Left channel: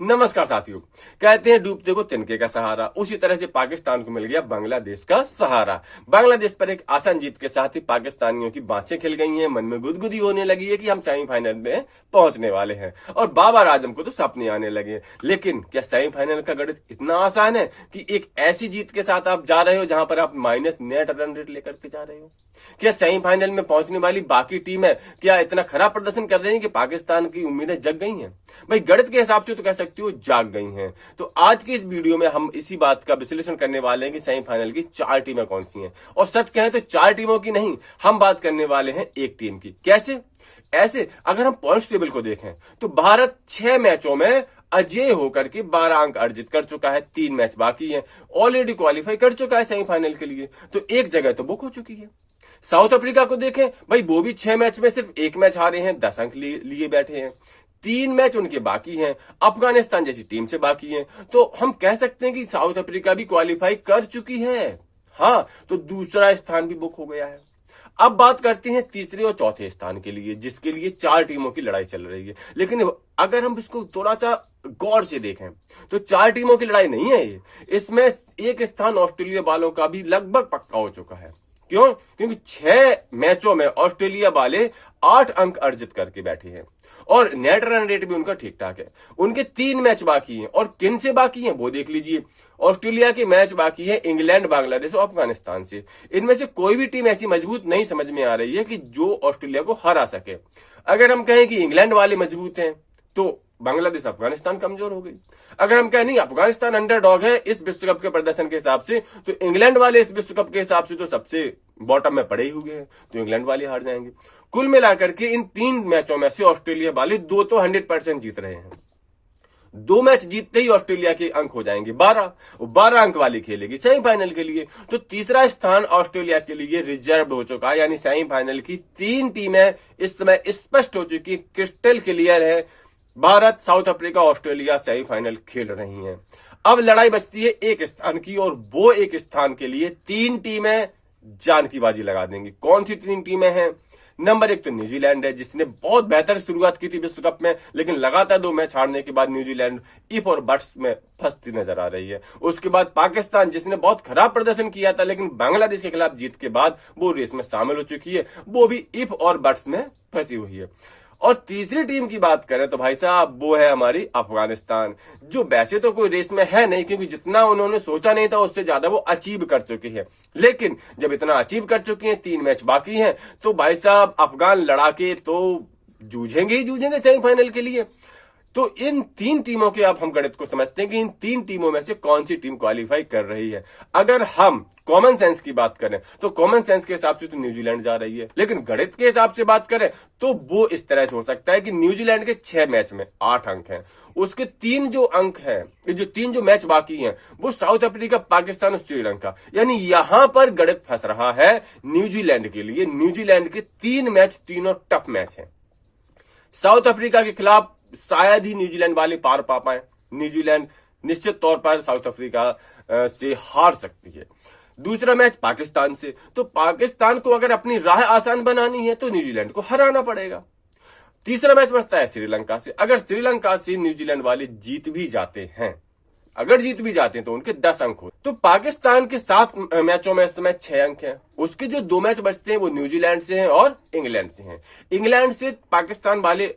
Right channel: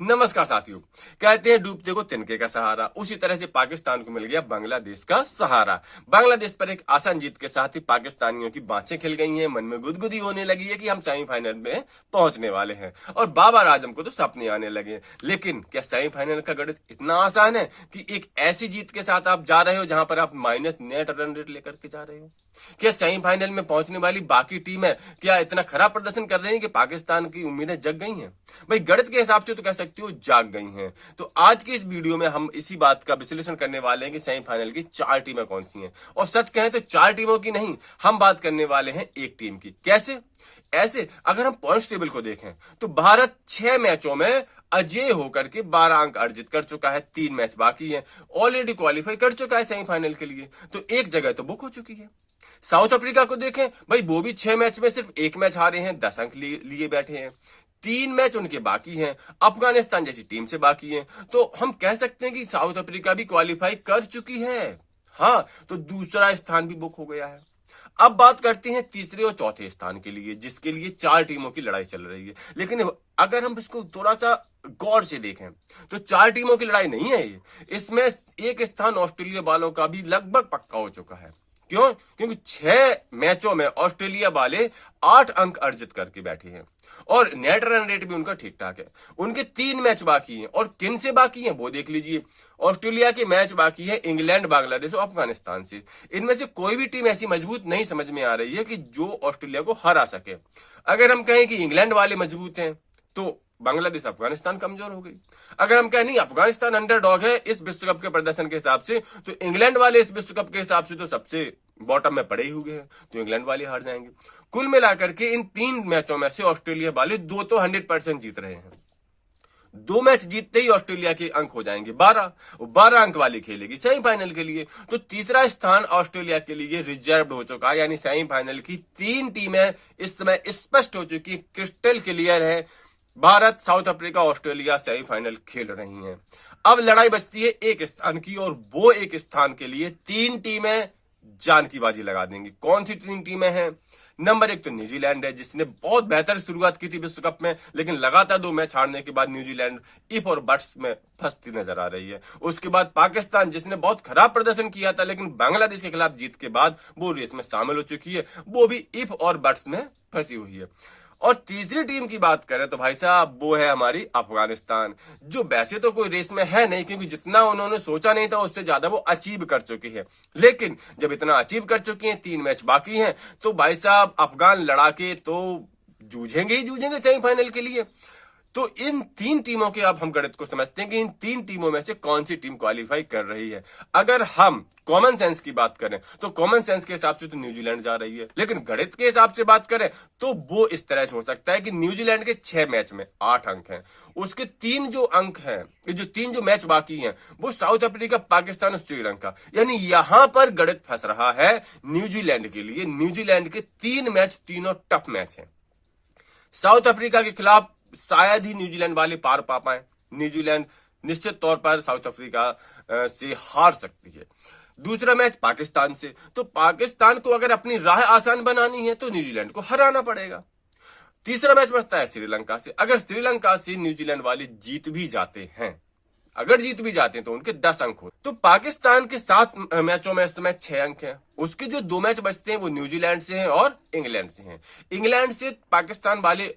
नमस्कार साथियों। कहते हैं डूबते को तिनके का सहारा, उसी तरह से पाकिस्तान को मिल गया बांग्लादेश का सहारा। बांग्लादेश पर एक आसान जीत के साथ ही पाकिस्तानियों की बाँछें खिल गई हैं, मन में गुदगुदी होने लगी है कि हम सेमीफाइनल में पहुंचने वाले हैं और बाबर आजम को तो सपने आने लगे। लेकिन क्या सेमीफाइनल का गणित इतना आसान है कि एक ऐसी जीत के साथ आप जा रहे हो जहां पर आप माइनस नेट रन रेट लेकर के जा रहे हो? क्या सेमीफाइनल में पहुंचने वाली बाकी टीमें क्या इतना खराब प्रदर्शन कर रही हैं कि पाकिस्तान की उम्मीदें जग गई हैं? भाई गणित के हिसाब से तो कह सकती हो जाग गई हैं। तो आज की इस वीडियो में हम इसी बात का विश्लेषण करने वाले हैं कि सेमीफाइनल की 4 टीमें कौन सी हैं। और सच कहें तो 4 टीमों की नहीं, हम बात करने वाले हैं एक टीम की। कैसे? ऐसे अगर हम पॉइंट्स टेबल को देखें तो भारत 6 मैचों में अजेय होकर के 12 अंक अर्जित कर चुका है। 3 मैच बाकी है, ऑलरेडी क्वालिफाई कर चुका है सेमीफाइनल के लिए, तो एक जगह तो बुक हो चुकी है। साउथ अफ्रीका को देखें, भाई वो भी 6 मैच में सिर्फ 1 मैच हारे हैं, 10 अंक लिए बैठे हैं। 3 मैच उनके बाकी हैं, अफगानिस्तान जैसी टीम से बाकी हैं। तो हम कह सकते हैं कि साउथ अफ्रीका भी क्वालिफाई कर चुकी है। हाँ, तो दूसरा स्थान भी बुक हो गया है। अब बात करते हैं तीसरे और चौथे स्थान के लिए, जिसके लिए 4 टीमों की लड़ाई चल रही है। लेकिन अगर हम इसको थोड़ा सा गौर से देखें तो 4 टीमों की लड़ाई नहीं है ये। इसमें एक स्थान ऑस्ट्रेलिया वालों का भी लगभग पक्का हो चुका है। क्यों? क्योंकि 6 मैचों में ऑस्ट्रेलिया वाले 8 अंक अर्जित करके बैठे हैं और नेट रन रेट भी उनका ठीक ठाक है। उनके 3 मैच बाकी हैं और किन से बाकी हैं वो देख लीजिए। ऑस्ट्रेलिया के मैच बाकी है इंग्लैंड, बांग्लादेश और अफगानिस्तान से। इनमें से कोई भी टीम ऐसी मजबूत नहीं समझ में आ रही है कि जो ऑस्ट्रेलिया को हरा सके। अगर हम कहें कि इंग्लैंड वाले मजबूत हैं तो बांग्लादेश, अफगानिस्तान कमजोर हो गई। अगर हम कहें नहीं अफगानिस्तान अंडरडॉग है इस विश्व कप के प्रदर्शन के हिसाब से, तो इंग्लैंड वाले इस विश्व कप के हिसाब से तो सबसे बॉटम में पड़े ही हुए हैं, तो इंग्लैंड वाले हार जाएंगे। कुल मिलाकर के इन 3 मैचों में से ऑस्ट्रेलिया वाले 2 तो 100% जीत रहे हैं। 2 मैच जीतते ही ऑस्ट्रेलिया के अंक हो जाएंगे 12 अंक वाली खेलेगी सेमीफाइनल के लिए। तो तीसरा स्थान ऑस्ट्रेलिया के लिए रिजर्व हो चुका है, यानी सेमीफाइनल की 3 टीमें इस समय स्पष्ट हो चुकी, क्रिस्टल क्लियर है। Bharat, south Africa, Australia semifinal खेल रही हैं। अब लड़ाई बचती है एक स्थान की, और वो एक स्थान के लिए 3 टीमें जान की बाजी लगा देंगी। कौन सी 3 टीमें हैं? नंबर 1 तो न्यूजीलैंड है, जिसने बहुत बेहतर शुरुआत की थी विश्व कप में, लेकिन लगातार 2 मैच हारने के बाद न्यूजीलैंड इफ और बट्स में फंसती नजर आ रही है। उसके बाद पाकिस्तान, जिसने बहुत खराब प्रदर्शन किया था, लेकिन बांग्लादेश के खिलाफ जीत के बाद वो रेस में शामिल हो चुकी है, वो भी इफ और बट्स में फंसी हुई है। और तीसरी टीम की बात करें तो भाई साहब वो है हमारी अफगानिस्तान, जो वैसे तो कोई रेस में है नहीं, क्योंकि जितना उन्होंने सोचा नहीं था उससे ज्यादा वो अचीव कर चुकी है। लेकिन जब इतना अचीव कर चुकी है, 3 मैच बाकी हैं, तो भाई साहब अफगान लड़ाके तो जूझेंगे ही जूझेंगे सेमीफाइनल के लिए। तो इन 3 टीमों के अब हम गणित को समझते हैं कि इन 3 टीमों में से कौन सी टीम क्वालिफाई कर रही है। अगर हम कॉमन सेंस की बात करें तो कॉमन सेंस के हिसाब से तो न्यूजीलैंड जा रही है, लेकिन गणित के हिसाब से बात करें तो वो इस तरह से हो सकता है कि न्यूजीलैंड के 6 मैच में 8 अंक हैं, उसके 3 जो अंक हैं, जो 3 जो मैच बाकी हैं, वो साउथ अफ्रीका, पाकिस्तान और श्रीलंका, यानी यहां पर गणित फंस रहा है न्यूजीलैंड के लिए। न्यूजीलैंड के 3 मैच तीनों टफ मैच हैं। साउथ अफ्रीका के खिलाफ शायद ही न्यूजीलैंड वाले पार पा पाए। न्यूजीलैंड निश्चित तौर पर साउथ अफ्रीका से हार सकती है। दूसरा मैच पाकिस्तान से, तो पाकिस्तान को अगर अपनी राह आसान बनानी है तो न्यूजीलैंड को हराना पड़ेगा। तीसरा मैच बचता है श्रीलंका से। अगर श्रीलंका से न्यूजीलैंड वाले जीत भी जाते हैं, तो उनके 10 अंक हो। तो पाकिस्तान के 7 मैचों में इस समय 6 अंक हैं। उसके जो 2 मैच बचते हैं वो न्यूजीलैंड से हैं और इंग्लैंड से हैं। इंग्लैंड से पाकिस्तान वाले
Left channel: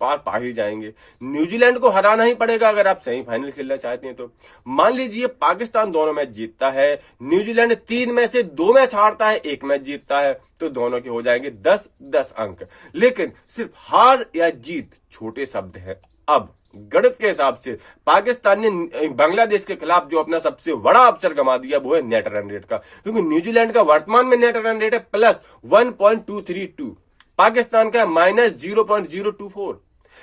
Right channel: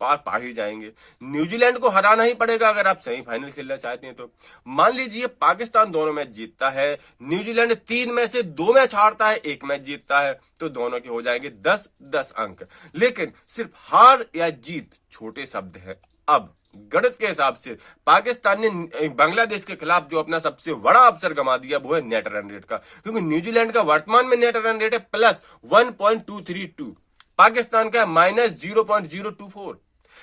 पार पा ही जाएंगे। न्यूजीलैंड को हराना ही पड़ेगा अगर आप सेमीफाइनल खेलना चाहते हैं तो। मान लीजिए पाकिस्तान दोनों मैच जीतता है, न्यूजीलैंड 3 में से 2 मैच हारता है, 1 मैच जीतता है, तो दोनों के हो जाएंगे 10-10 अंक। लेकिन सिर्फ हार या जीत छोटे शब्द है। अब गणित के हिसाब से पाकिस्तान ने बांग्लादेश के खिलाफ जो अपना सबसे बड़ा अवसर गंवा दिया वो है नेट रन रेट का, क्योंकि न्यूजीलैंड का वर्तमान में नेट रन रेट है +1.232, पाकिस्तान का -0.024,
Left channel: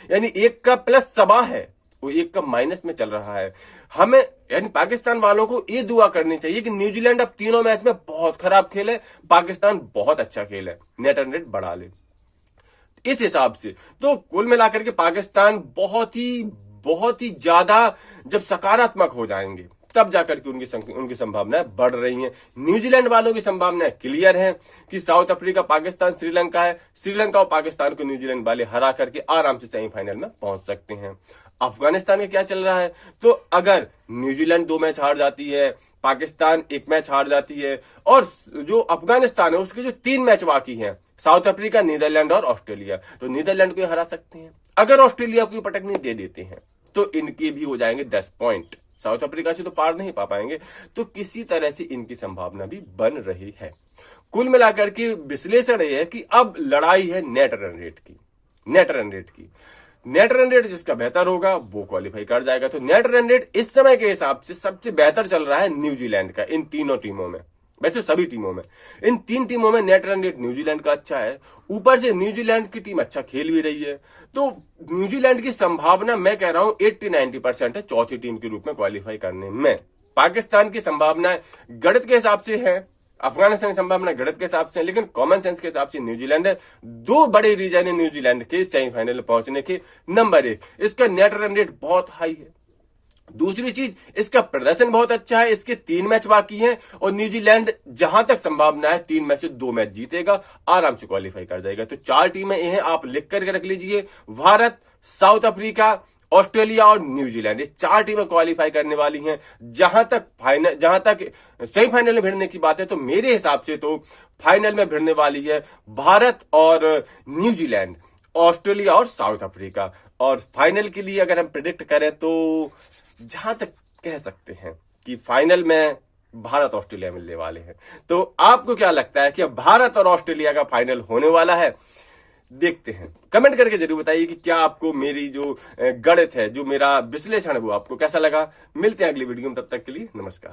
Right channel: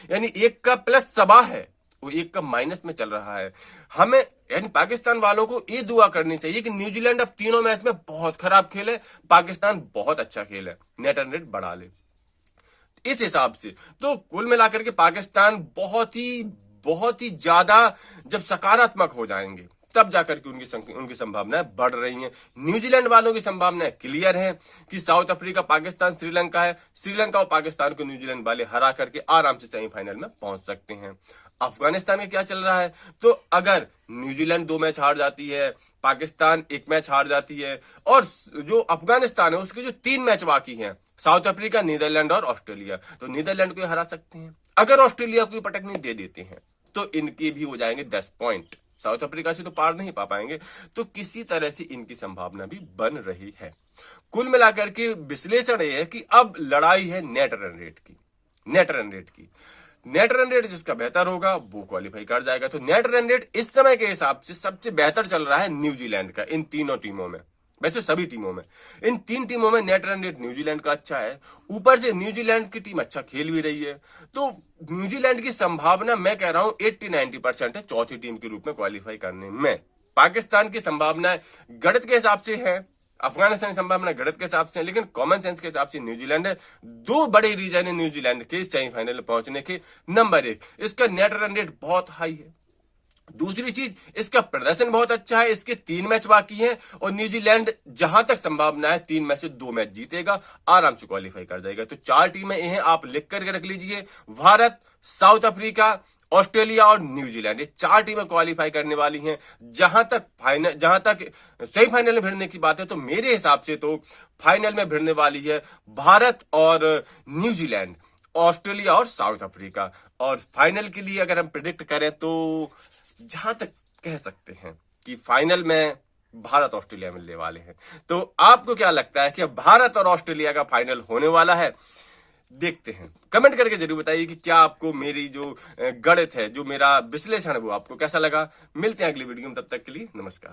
यानी 1 का प्लस सबा है, वो 1 का माइनस में चल रहा है। हमें यानी पाकिस्तान वालों को ये दुआ करनी चाहिए कि न्यूजीलैंड अब तीनों मैच में बहुत खराब खेले, पाकिस्तान बहुत अच्छा खेले, नेट रन रेट बढ़ा ले। इस हिसाब से तो कुल मिलाकर के पाकिस्तान बहुत ही ज्यादा जब सकारात्मक हो जाएंगे तब जाकर के उनकी संभावनाएं बढ़ रही हैं। न्यूजीलैंड वालों की संभावनाएं क्लियर हैं कि साउथ अफ्रीका, पाकिस्तान, श्रीलंका है। श्रीलंका और पाकिस्तान को न्यूजीलैंड वाले हरा करके आराम से सेमीफाइनल में पहुंच सकते हैं। अफगानिस्तान में क्या चल रहा है, तो अगर न्यूजीलैंड 2 मैच हार जाती है, पाकिस्तान 1 मैच हार जाती है, और जो अफगानिस्तान है उसके जो 3 मैच बाकी हैं, साउथ अफ्रीका, नीदरलैंड और ऑस्ट्रेलिया, तो नीदरलैंड को हरा सकते हैं। अगर ऑस्ट्रेलिया को पटकनी दे देते हैं तो इनके भी हो जाएंगे 10 पॉइंट, साउथ अफ्रीका से तो पार नहीं पा पाएंगे। तो किसी तरह से इनकी संभावना भी बन रही है। कुल मिलाकर के विश्लेषण यह है कि अब लड़ाई है नेट रन रेट की। नेट रन रेट जिसका बेहतर होगा वो क्वालिफाई कर जाएगा। तो नेट रन रेट इस समय के हिसाब से सबसे बेहतर चल रहा है न्यूजीलैंड का, इन तीनों टीमों में, वैसे सभी टीमों में, इन 3 टीमों में नेट रन रेट न्यूजीलैंड का अच्छा है। ऊपर से न्यूजीलैंड की टीम अच्छा खेल भी रही है, तो न्यूजीलैंड की संभावना मैं कह रहा हूं 80-90% है चौथी टीम के रूप में क्वालिफाई करने में। पाकिस्तान की संभावना गणित के हिसाब से है, अफगानिस्तान की संभावना गणित के हिसाब से है, लेकिन कॉमन सेंस के हिसाब से न्यूजीलैंड है। 2 बड़े रीजन है न्यूजीलैंड के सेमीफाइनल में पहुंचने के। नंबर 1, इसका नेट रन रेट बहुत हाई है। दूसरी चीज, इसका प्रदर्शन बहुत अच्छा है। इसके 3 मैच बाकी हैं और न्यूजीलैंड जहां तक संभावना है 3 मैच से 2 मैच जीतेगा, आराम से क्वालिफाई कर जाएगा। तो 4 टीमें ये हैं, आप लिख करके रख लीजिए। भारत, साउथ अफ्रीका, ऑस्ट्रेलिया और न्यूजीलैंड, ये 4 टीमें क्वालिफाई करने वाली हैं। जहां तक सेमीफाइनल में भिड़ने की बात है, तो मेरे हिसाब से तो फाइनल में भिड़ने वाली है भारत और न्यूजीलैंड, ऑस्ट्रेलिया और साउथ अफ्रीका। और फाइनल के लिए अगर हम प्रिडिक्ट करें तो जहां तक कह सकते हैं कि फाइनल में भारत ऑस्ट्रेलिया मिलने वाले हैं। तो आपको क्या लगता है कि भारत और ऑस्ट्रेलिया का फाइनल होने वाला है? देखते हैं, कमेंट करके जरूर बताइए कि क्या आपको मेरी जो गणित है, जो मेरा विश्लेषण है, वो आपको कैसा लगा। मिलते हैं अगली वीडियो में, तब तक के लिए नमस्कार।